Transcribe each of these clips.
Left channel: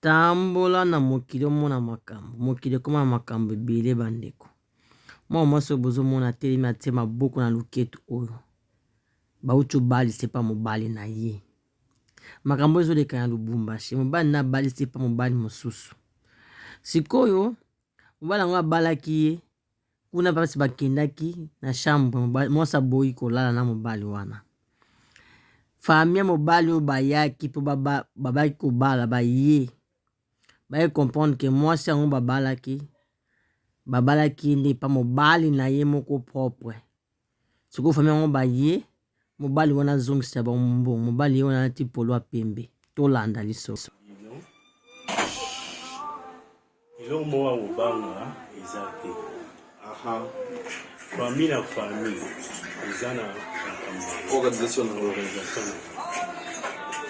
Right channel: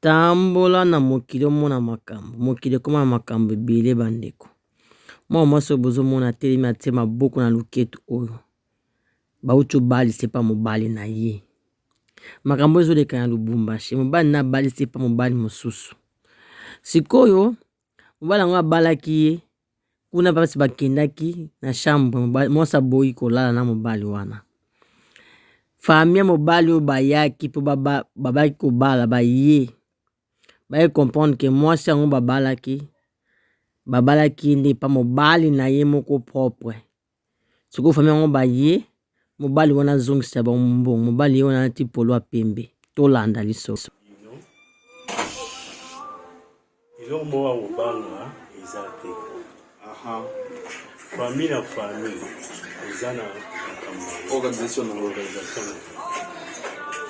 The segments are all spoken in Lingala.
Tambola na mokili omona makambo. Mokili koma makambo ebele bandeko. Mwa mwasi bozomona atelemi atie maboko na luketu oyo. Bauti obali sepa mobali na ye. Makambo ezoleka na Lubumbashi. Mobali na bali sepa mobali mosusu. Sikoyo mobali yango abalaki ye. Kuna basi bakendaki na chambre mwasi aboyi kolala na mobali wana. Famille mobali oyo bayaki po babaki kobala baye. Baye comprendre que mwasi yango babalaki nde pa mobali na ye moko propre. Sikoyo famille yango baye mobali wana zongisa ba mbongo. Mobali ye wana nati polo ya pembe. Tolanda lisoso. Eloko moko kobanga eza te. Famille na famille eza na organisation.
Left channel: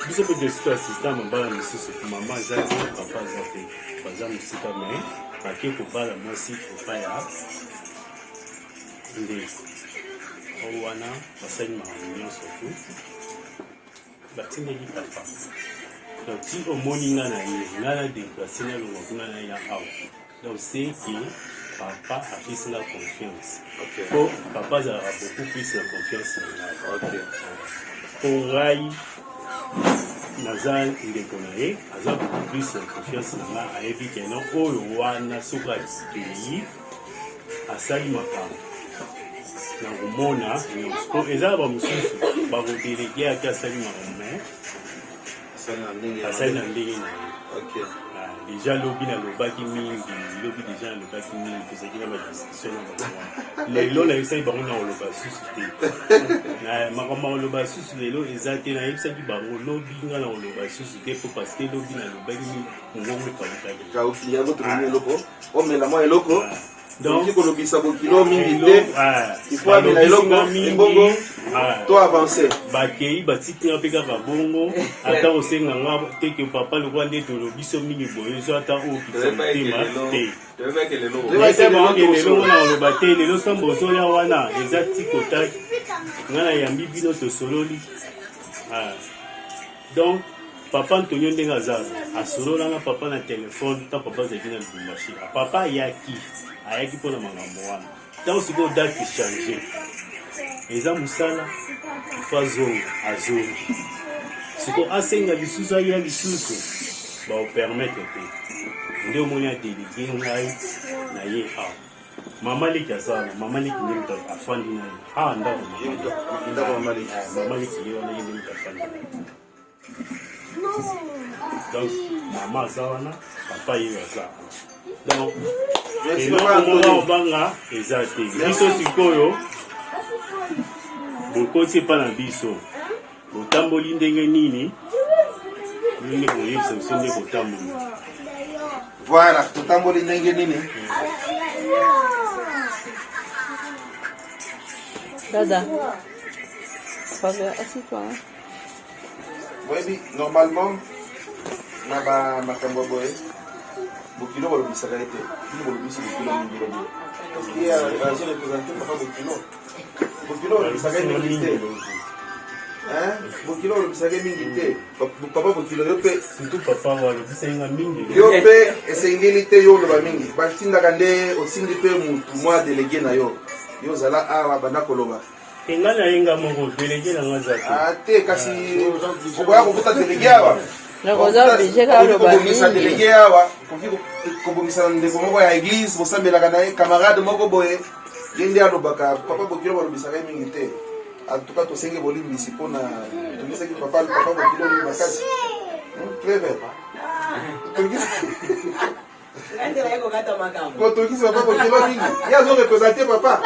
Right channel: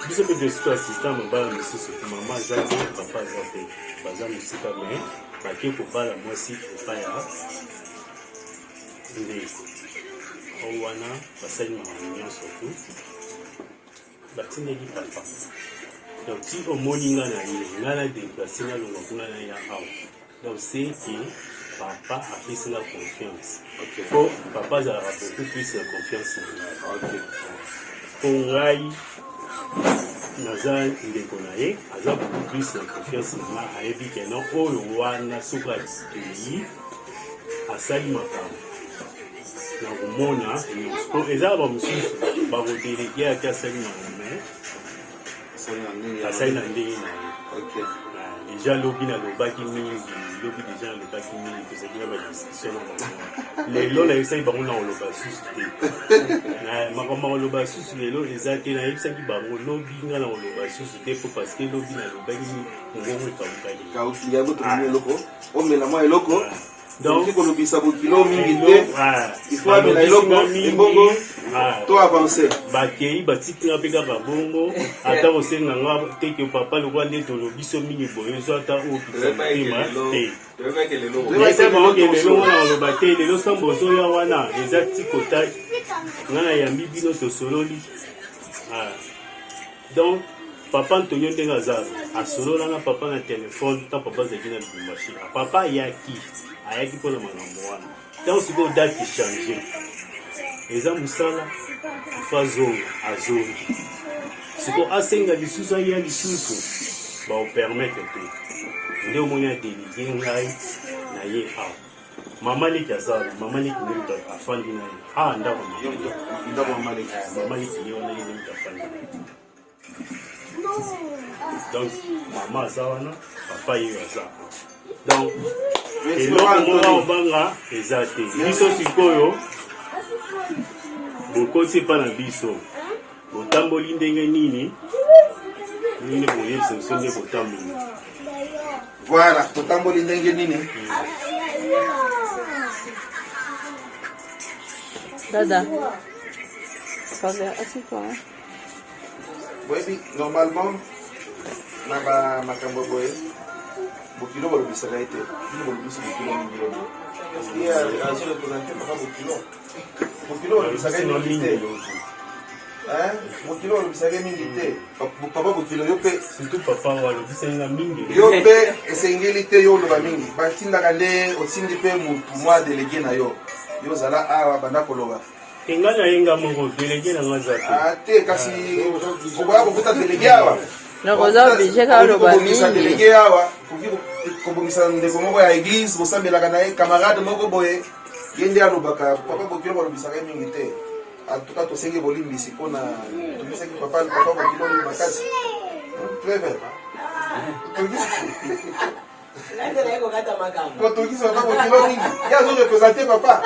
Biso pe desito assistant mobala misusu mama aza te papa aza te baza mosika me bake kobala mwasi epai ya ndeko oyo wana basali makambo nyonso tu batindeli papa donc si omoni nga na ye nga na déplace na longa kuna na ya awa donc c'est que papa apesi nga confiance po papa azalaka beaucoup plus na confiance na ngai po ngai naza ndeko na ye aza beaucoup plus na confiance na ngai ayebi keno oyo wana soki akei asali makambo na komona po eza bamosusu bakodelege ate asali makambo me asali na ndenge na ye déjà lobi nalobaki mingi lobi déjà nalobaki mingi tozalaki na badiscussion na bango lelo nayebisaki bango na koloba susu te makambo ya koloba susu lelo eza te nayebisaki bango lobi nga na koloba susu te po parce que lobi nalobaki mongongo ekawukaki donc kolobisa bokilo mingi te ifo amela eloko mbongo to avance bakei batikela mpe kaka bongo ata kosenga nga teke papa lokwa nde tolobiso mingi boye ezo ata oyo kisamotema te lelo wana oloba te lelo sambo ozoya wana eza tikota nga na yambi bino tosololi donc papa Antonio ndenge aza asololanga papa na telefone ta papa azalaki na Lubumbashi papa ayaki mpona makambo wana ntango sikoyo date change eza mosala ifo azonga azongi sikoyo asenga lisusu aya lisusu baopermettre te nde omoni adelege ngai na ye awa mama leki aza wana mama leki nde afandi na ye awa ndako mama leki ye wana ye nde afandi na ye donc mama aza wana papa ye aza donc eloko obanga eza te biso sikoyo bokoti epa na biso botamboli ndenge nini nini boyebisa biso nde botamboli voilà totamboli ndenge nini dada papa assieds-toi boyebi normalement na bamakambo boye bokilo bolobisaka ye te bino bolobisi bokilo mingi yeni parce que agi représente papa bokilo bolobisaka ye mingi te bokilo bolobisaka ye mingi te papa bokilo yo mpe yo mpe esengeli te yo oloba mingi batindaka nde otindi mpe mutu mwa delege na yo yo ozala awa banda koloba enga na yenga moko delege na nga za te kasi okoya kokuta delege awa kobongisa delege awa kobongisa ndeko moko ya eglise bosambelaka na ye camarade moko boye ye nde alobaka papa bokilo balobisaka ye mingi te antuka tosenge bolimbisi mpona tobisaki papa bokilo makasi treve tokisi papa bokilo mingi ye azorepresente papa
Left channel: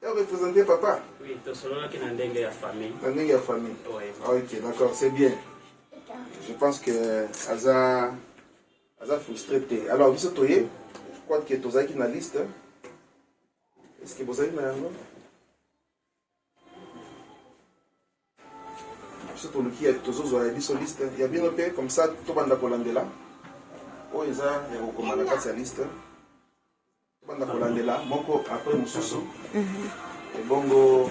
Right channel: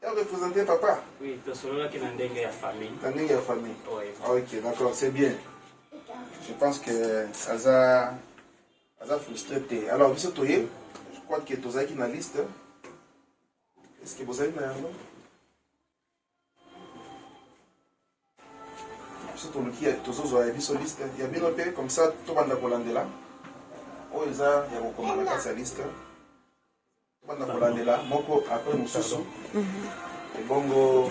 elle représentait papa. Oui, tu as qui est la famille. La famille. Oui. Ah, ok, d'accord, c'est bien. Je pense que Aza frustré. Alors, vous savez, je crois que tu as qui dans la liste. Est-ce que vous avez une liste? Qui est liste? Il y a bien un peu comme ça, tout le monde a collandé là. Oh, il y a une liste. Banda kolandela moko akoy mususu ebongo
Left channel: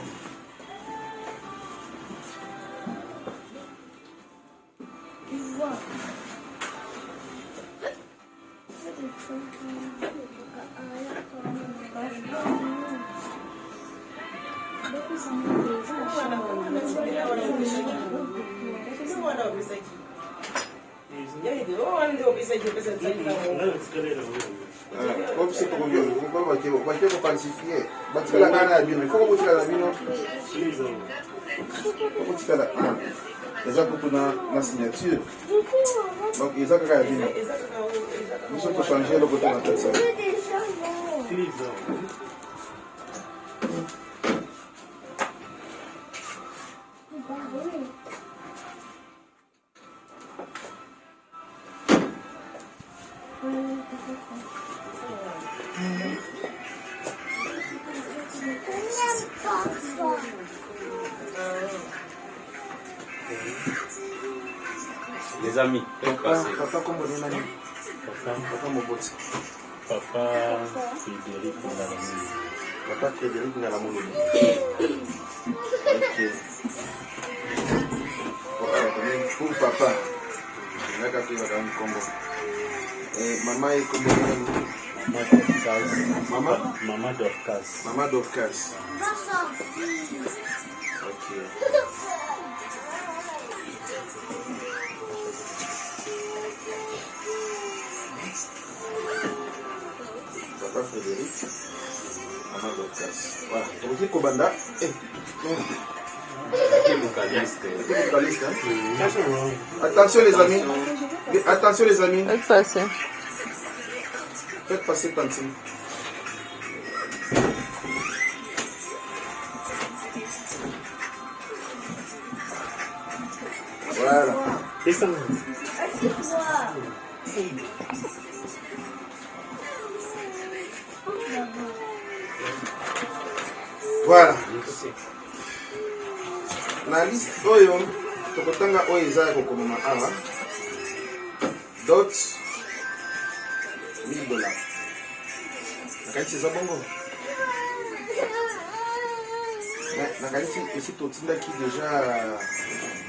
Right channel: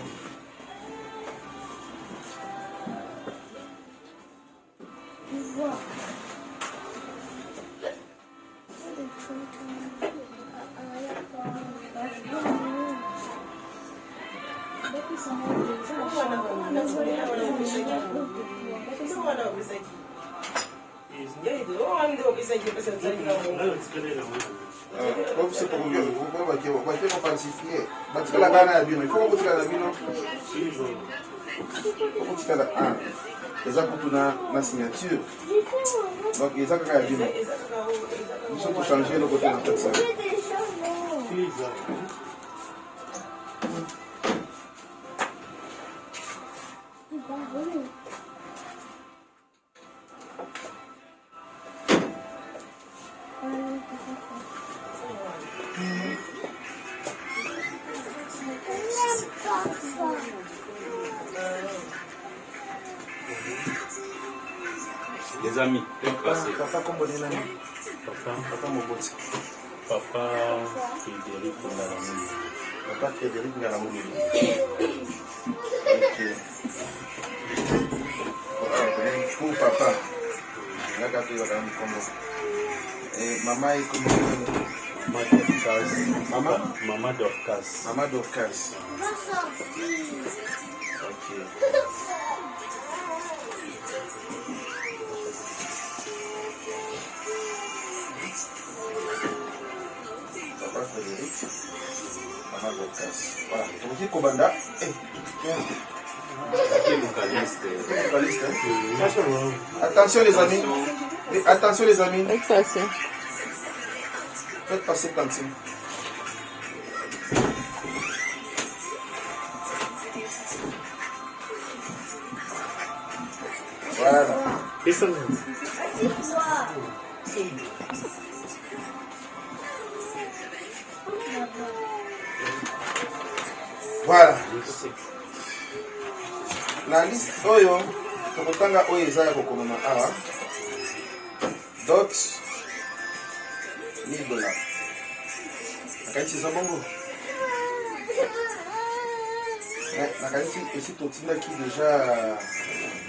Eza pour la signature. Donc, ils ont regardé. Nous sommes changer le côté de la personne. Les amis, qu'est-ce passé? Papa, comme on est Papa Moboti. Papa Frédéric Ngaramou. Papa Frédéric Ngaramou. Pour papa, et maman est comme Maman Dorcas. Maman Dorcas. Papa Frédéric. Maman Dorcas. Voilà. Vous dites Kobanda. Attention les amis. Attention les amis. Faites passer Tantine. Voilà. Voilà. Na liste oyo tokotanga oyo eza ya kokomama awa dot $1000 nakanisi eza bongo nakanisi esi totindaki deja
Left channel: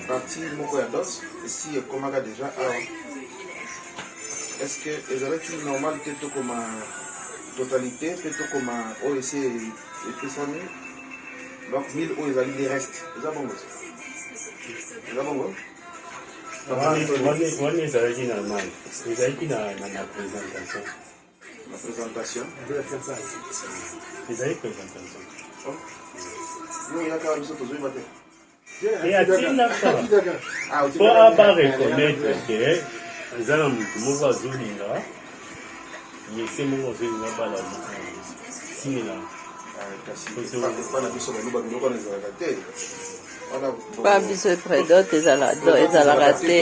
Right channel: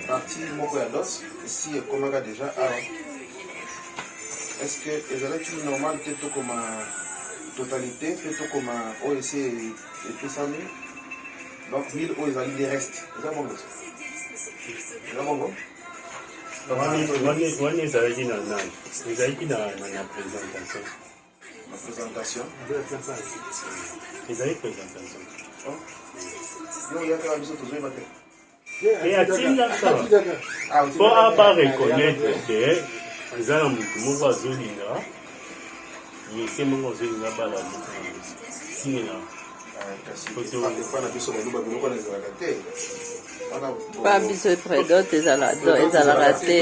partie moko ya dot esi ekomaka deja awa est-ce que ezalaki normal te tokoma totalité pe tokoma oyo esi epesami. Donc, 1000 euros, ils ont des restes. Vous avez bon. Vous avez bon. One is already na nine. Is already na présentation. La présentation. Is already présentation. Non, il y a quand même ça toujours matin. Et a-t-il là ça? Pour pas reconnaître que ils ont un mouvement azulina. Il essaie de nous azulina par la signe. Pas biso prédote ezalaka te.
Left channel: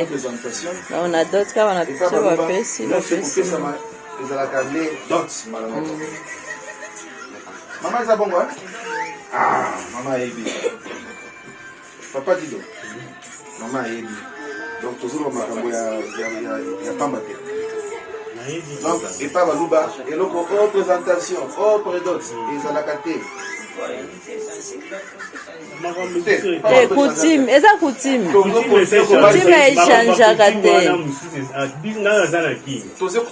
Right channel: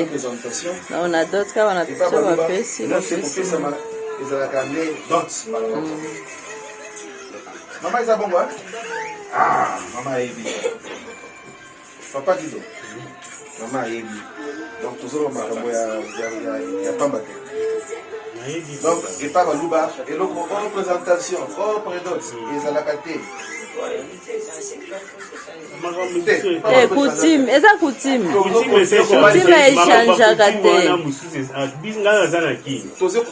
On a d'autres cas on a biso bapesi. Maman eza bongo hein? Ah, maman ayebi. Papa Dido. Maman ayebi. Donc toujours makambo ya pamba te. Donc, et pas Malouba, et donc, représentation, prédote, et Zalakate. Coutume, eza coutume. Coutume na échangeaka te.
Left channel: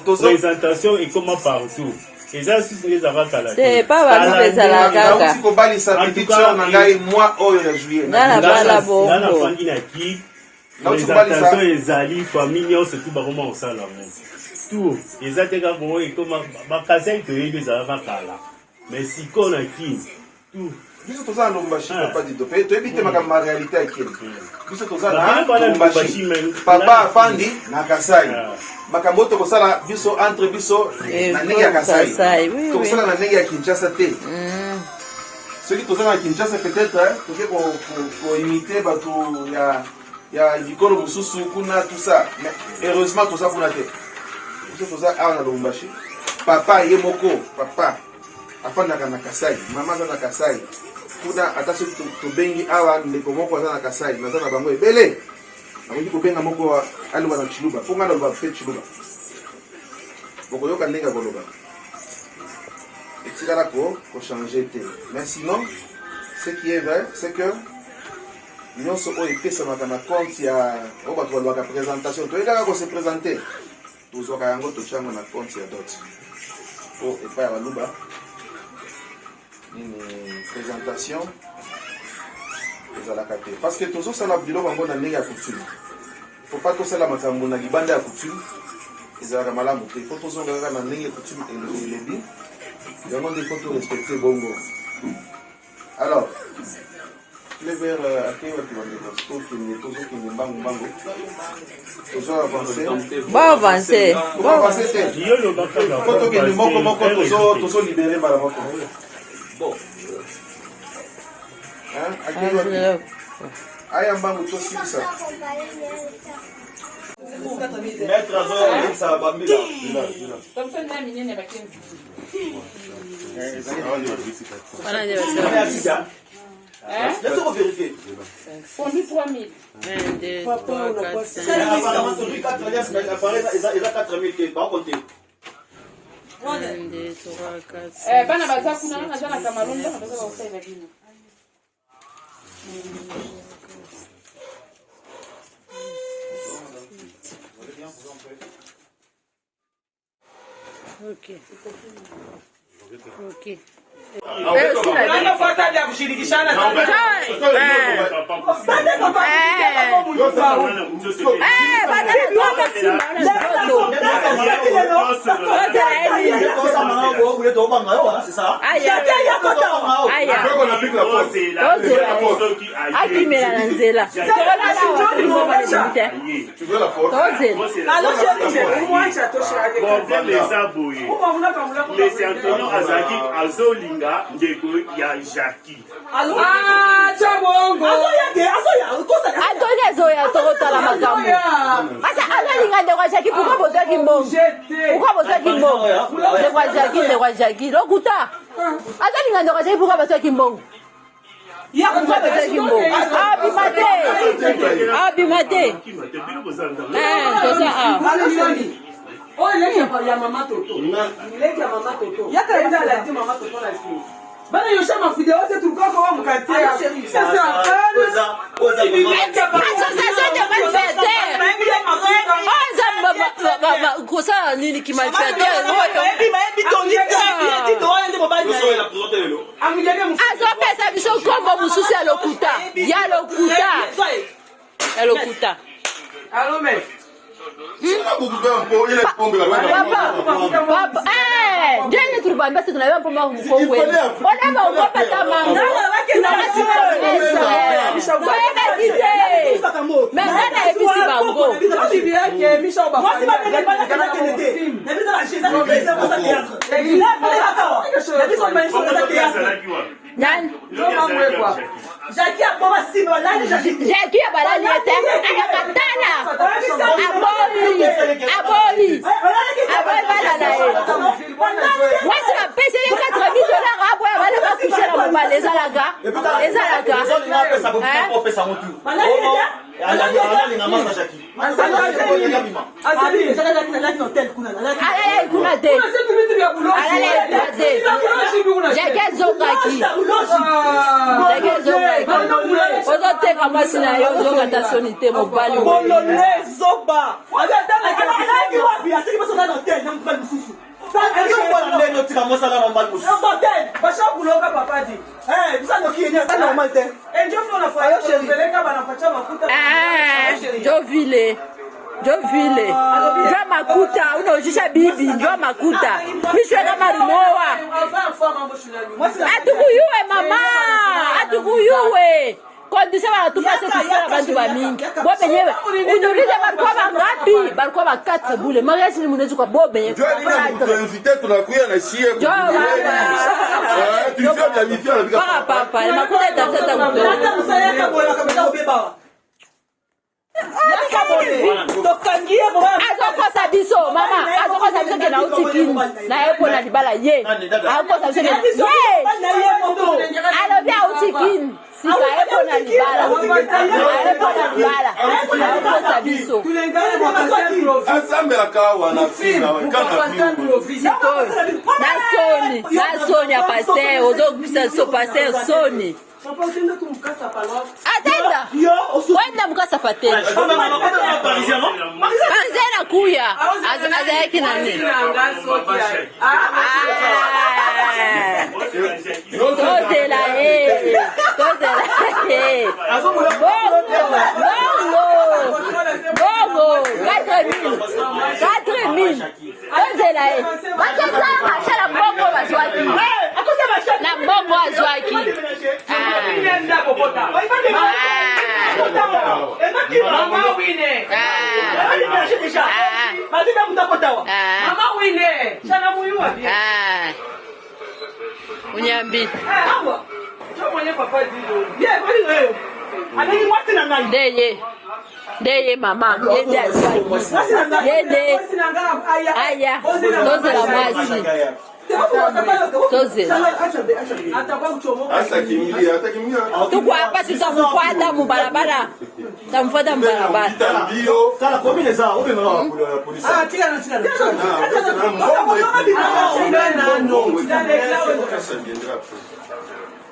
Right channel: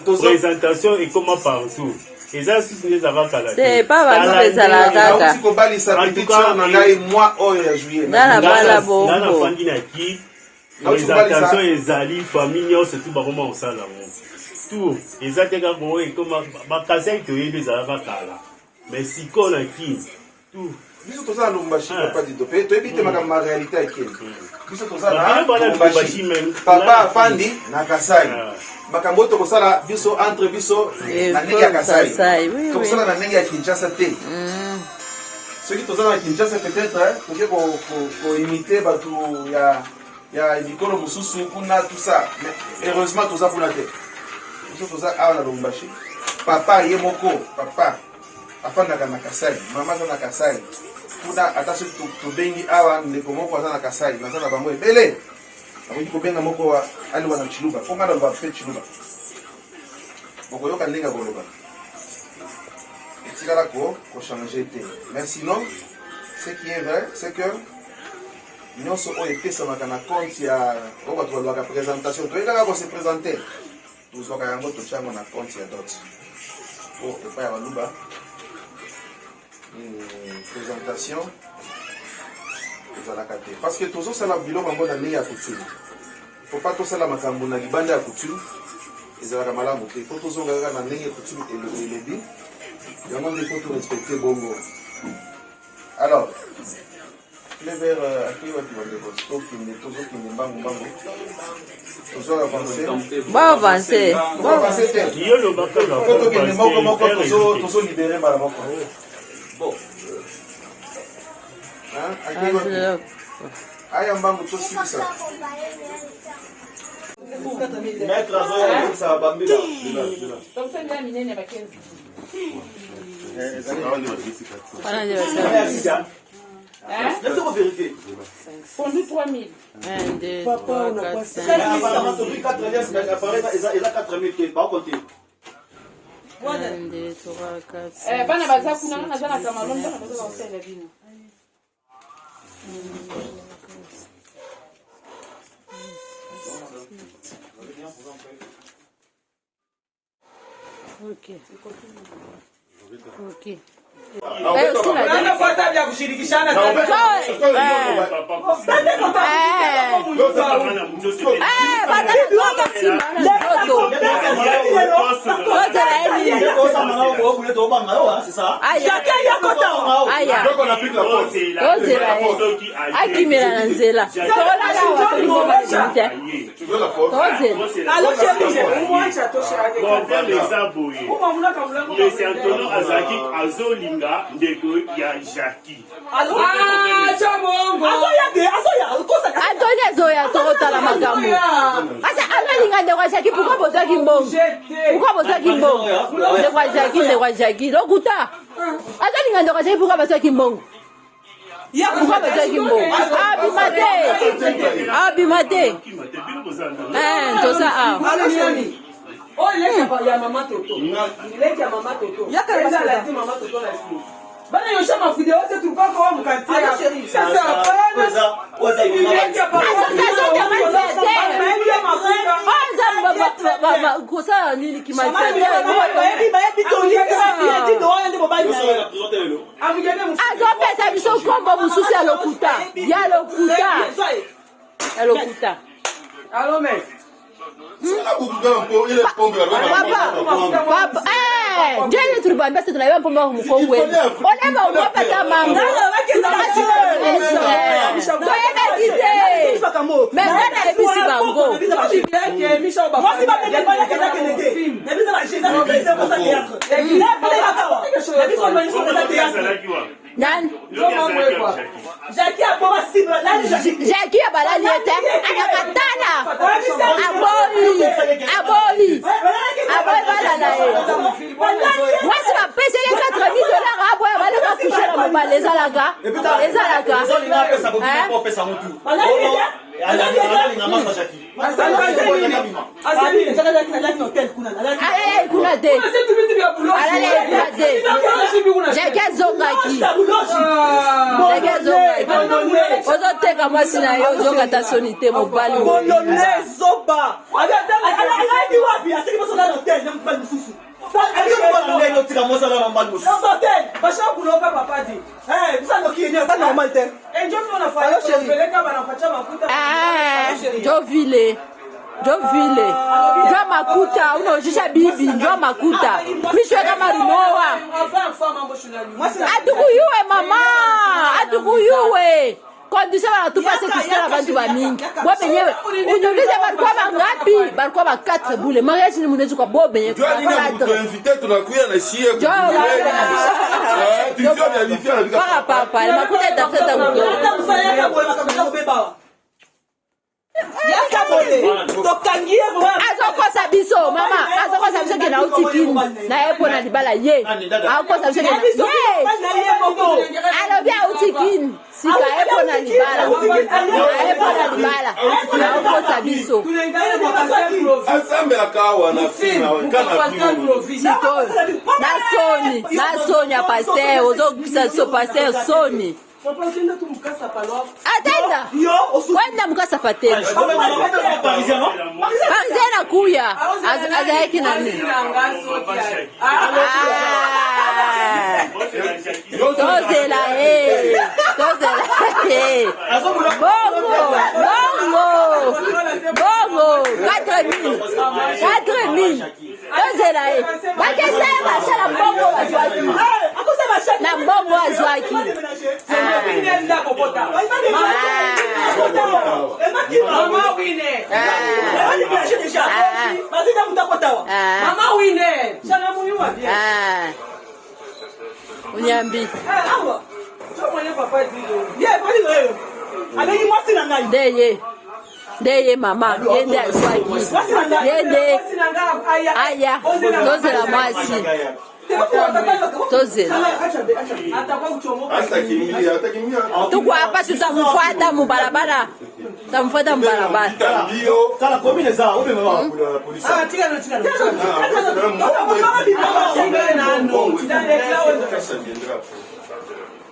Présentation et comment partout. Eza sisi ezalaka la te. Pas Malouba ezalaka kaka. Auti kobalisa pétition na ngai mois oyo ya juillet. Nana bala bongo. Nana fangi na ki. Présentation ezali famille nyonso tout bakoma osala mo. Tout eza te kaka bongo ekoma bakasi toyebi ezalaka kala. Mais sikoyo na ki tout biso toza na Lubumbashi papa Dido pe toyebi te makambo ya réalité akeni biso toza na Lubumbashi papa afandi na Kasai makambo oyo tokosala biso entre biso na ndenge ya Kasai tokosala na ndenge ya Kinshasa te soki toza na Kinshasa peut-être toke koimite bato ya mikolo mosusu kuna tout ça mais heureusement toza kuna te biso toza awa na Lubumbashi papa ye moko papa afandaka na Kasai mama aza na Kasai kuna ata soki tobengi awa ndeko moko aza na Kasai naza na bango ebele akoki kobenga moko alima na Chiluba mpo nga naloba mpe Chiluba bokoyoka ndenge boloba etikala kochange te mais sinon ce qui est vrai c'est que nyonso oyo epesamaka na compte ya oyo bato balobaka présentation toyekaka kose présente tozwaka yango totyango na compte ya dot po epai ya baluba présentation ezalaka te parce que tozosala biloko yango na ndenge ya coutume. Faut pas tosala makambo na libanda ya coutume ezalaka malamu te. Faut tozonga kaka na ndenge ya coutume elobi yango nde faut torespecte bongo. Alors le vers ake wapi bandeko tokende mbangu tozo avancer faut tokende moko tozo libere mbala moko. Bon aya mbangu tosilisa maître azosala bambila Conduit 3000. 1, 2, 3, 4, 5. 1, 2, 3, 4, 5. Bana baza kuna naza na Cameroun donc baza basala bino. OK. OK. ndeko ya Jackie. Chobongo. Antonia zoya tokotala makambo. Asa analinga ndeko ya Jackie pourquoi boza kimbongo? Pourquoi boza kimbongo? Ndeko ya Jackie lokuta. Analinga ndeko ya Jackie pourquoi boza kimbongo? Ya pourquoi boza kimbongo? Abimate. Tosa Oh, il est ya Mama Toto. Il est ya Mama Toto. Il y a quelqu'un qui a dit Mama Toto la fille. Bana yosha ma vidéo c'est tout quoi comme quartier. Ça c'est la peine. association de malfaiteurs. Kosa nini ki malfaiteurs. Azopesa biso kombo mususu ya lokuta. Ya lokuta. Allô mec. Papa, ndiye turibamba sisi tunaiwa pomba mkongwe. Ona ngopa kama mama. Mbona ebisi bango. Nan Jackie abalali ete akatana aboli bala na ye mwasi bapesi ye $4,000 abo ya bale bakushe na mobali ezalaka ozoteka mwasi na ye ozongata soni te mobali Jovile Njo makuta unaojisha bibi njo makuta Misho kama rumoa Atukuyuwe mama Atukuyuwe Kondisha wanatupase kusikia bantu wa mingi Bobe nyewe Unulize barikuwa mangapi Barikuwa ba 4 bule Mariachi ni munezi kwa bobe nyewe Jwa nina kutuinvite tunakuya na shie Kwa papa Makuta itafeta mtoto azokosa biso mama azokosa biso ke na utikini na epo na libala ye azokosa biso ke alobi autikini sipa epo na libala azokosa biso na soni ya paster ozokisa so paster soni Atenda. Wenda mukasa pateni. Parizena kuya. Azaiki nani? Tozela Unyambi. Ndeye mama, ndeye azwaki. Yende. Aya, toze la masi. Toze. Tukwa hapa tutamfuata mubarabara. Tutamfuata mubarabara. Kala komine za ube mama polisi. Tika.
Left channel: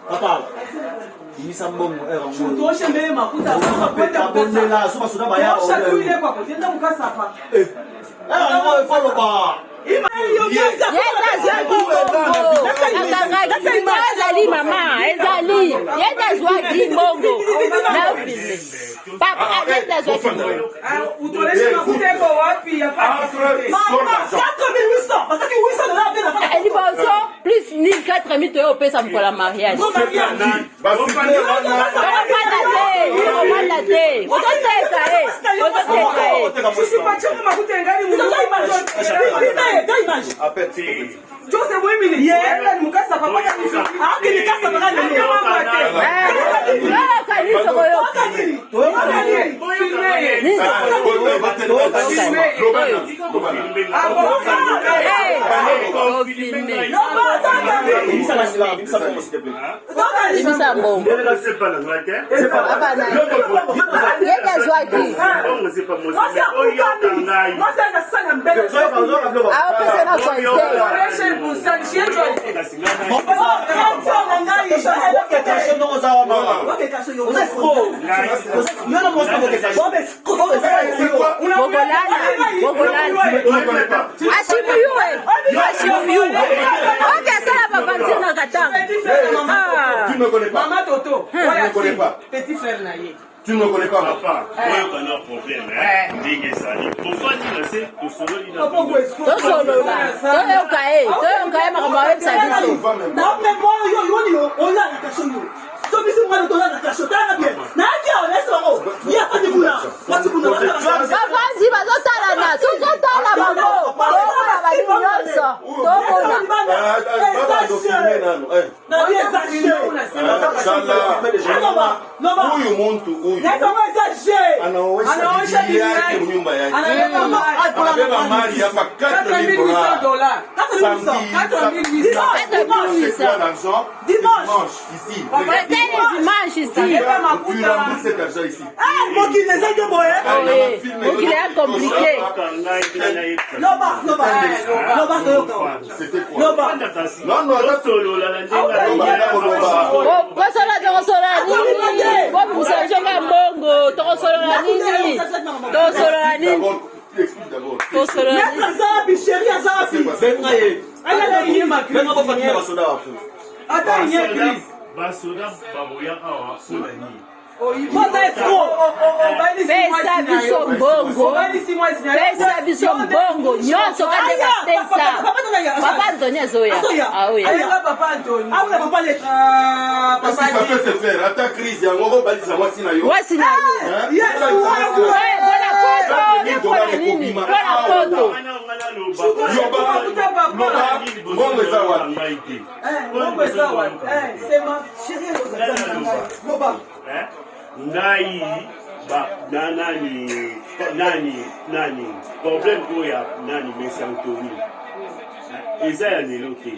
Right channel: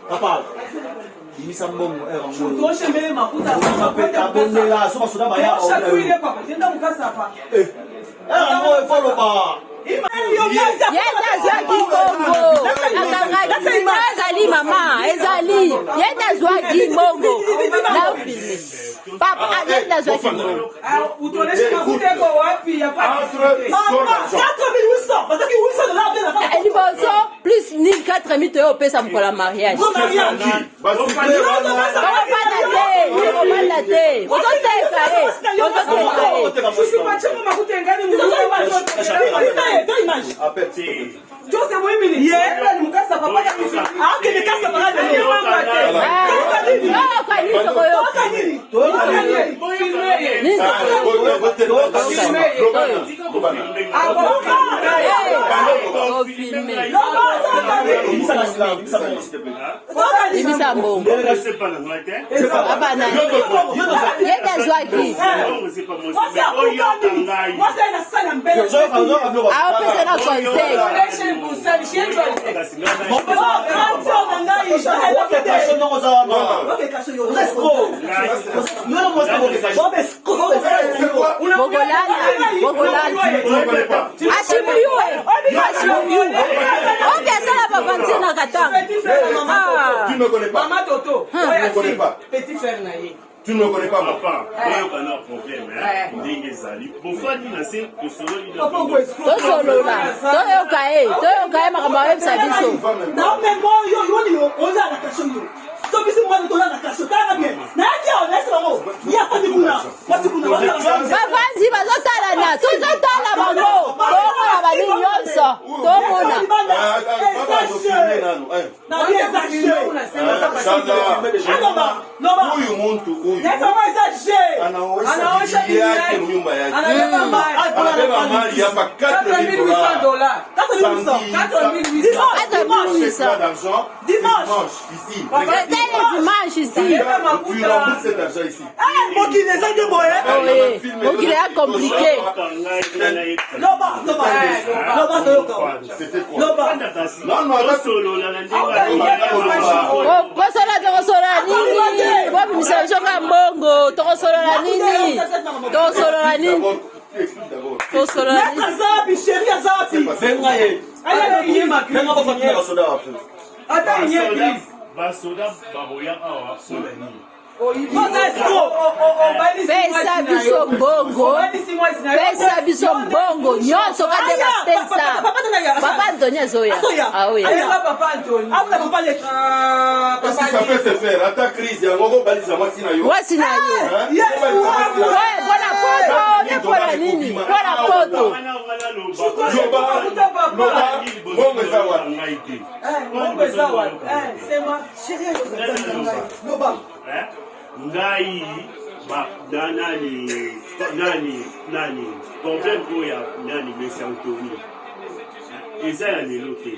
Papa. Imisa mbongo ngo. Toshe mbele makuta mapeta bonela soma soda baya. Tosha tuile papa. Tenda mukasa hapa. Ngo follow ba. Ezali mama, ezali. Yenda zwaki mbongo. Papa, yenda zwaki mbongo. Utoleshe makuta yako wapi hapa? 4800. Et plus 1400 euros pesa pour la mariage. Maman Toto, petit frère naïe. Tu ne me connais pas, papa. Moi, on a un problème. Pourquoi dire c'est que solo il a huyu mtu huyu anaonyesha bidii yake nyumba yake, anabeba mali hapa dimanche ici. Tu rembourses cet argent ici. Donc il est compliqué. C'était quoi? Non, Pesa biso mbongo nyonso kate ka pesa. Papa Antonio Zoya. Ah oui. Papa Antonio. Ça peut se faire. Ata crise ya ngogo balisa mwasi na yo. Mwasi na yo. Yes, voilà quoi. Nini? Voilà quoi. C'est ma chérie. Nai ba nani problème ko ya nani mesantoni eza ya leloke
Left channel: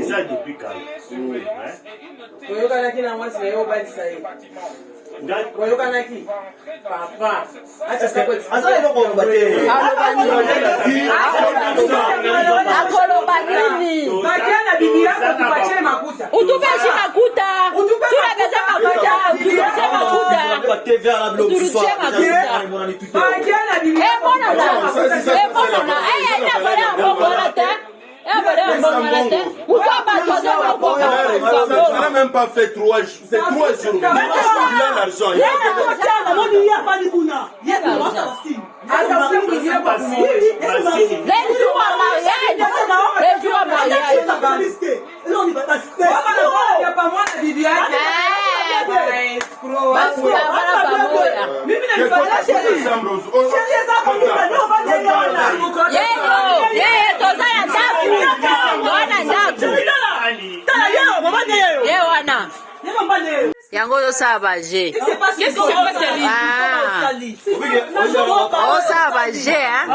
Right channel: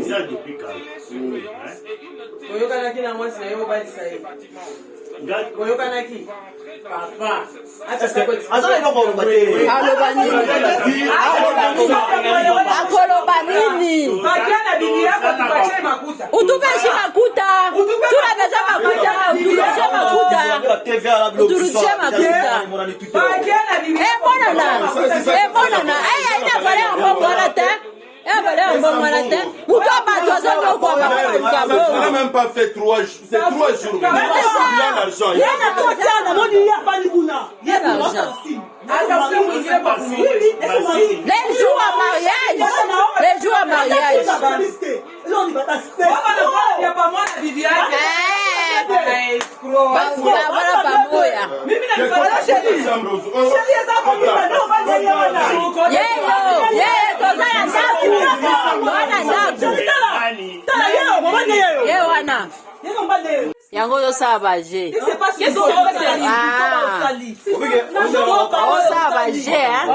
eza depuis quand oyokana kina mwasi na yo balisa ye oyokana ki papa acha sekweti Azali no ko ngate. Akoloba nini? Makiana bibi yako tupatie makuta. Utupeshe makuta. Tunapesa makuta. Utupeshe makuta. TVA la bloc ce soir. Makiana bibi. Mbona na. Mbona na. Enda baya mbona te. On n'a même pas fait 3 jours. C'est 3 jours. Il a l'argent. Les jours à mariage. Yango yo sabaje. Sabaje, hein?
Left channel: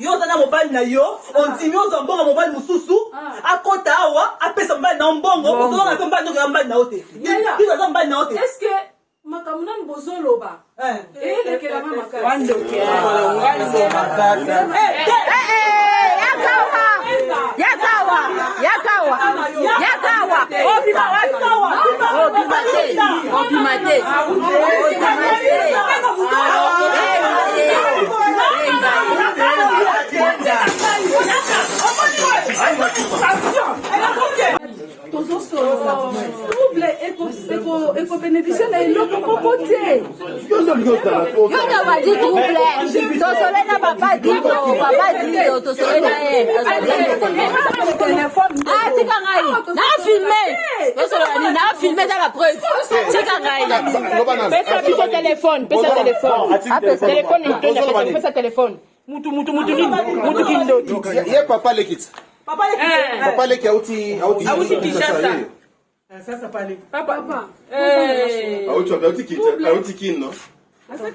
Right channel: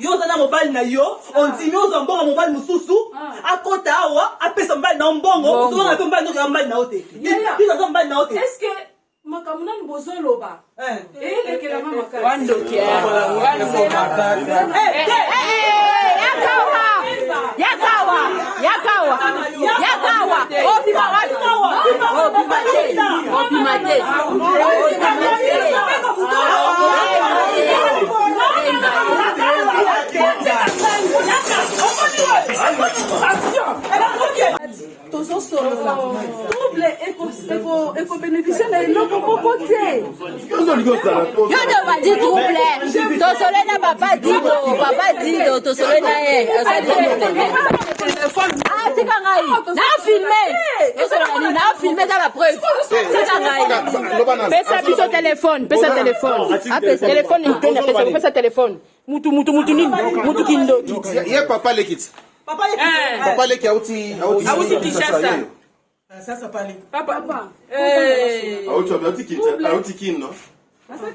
Yo zana mobile na yo, on tinyo zo mbongo mobile mususu, akota awa, apesa mobile na mbongo, zo na mobile no mobile na ote. Biza zo mobile na ote. Est-ce que makamuna bozoloba? Lekela mama kaka. Yakawa. Obimate. Tozo solo double éco bénéficiaire na eloko moko te. Yo ndo madi double. Tosole na papa dido tosole na ye. Tika ngai. Na filmé dans la preuve. Tika ngai. Pesa biso téléphone. Pesa téléphone. Mutu nini? Mutu kindoki. Ye papa lekit. Papa leki auti Kinshasa. Sasa pale. Papa. auti kin no. Papa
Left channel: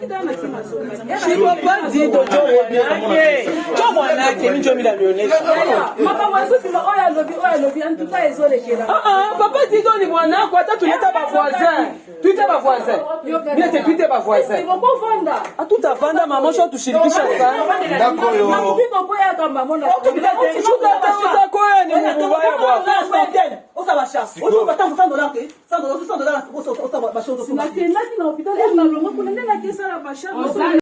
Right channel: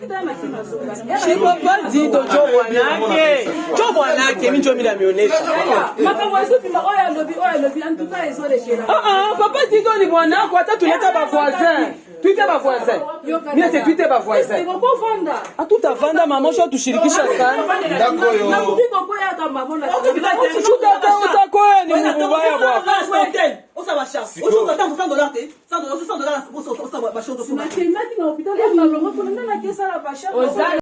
dit donc ni bwana kwa tatu leta ba voisin. Tuite ba voisin. Bien c'est tuite ba voisin. Tout avanda maman sho tushirikisha sana. Ndako yo. $100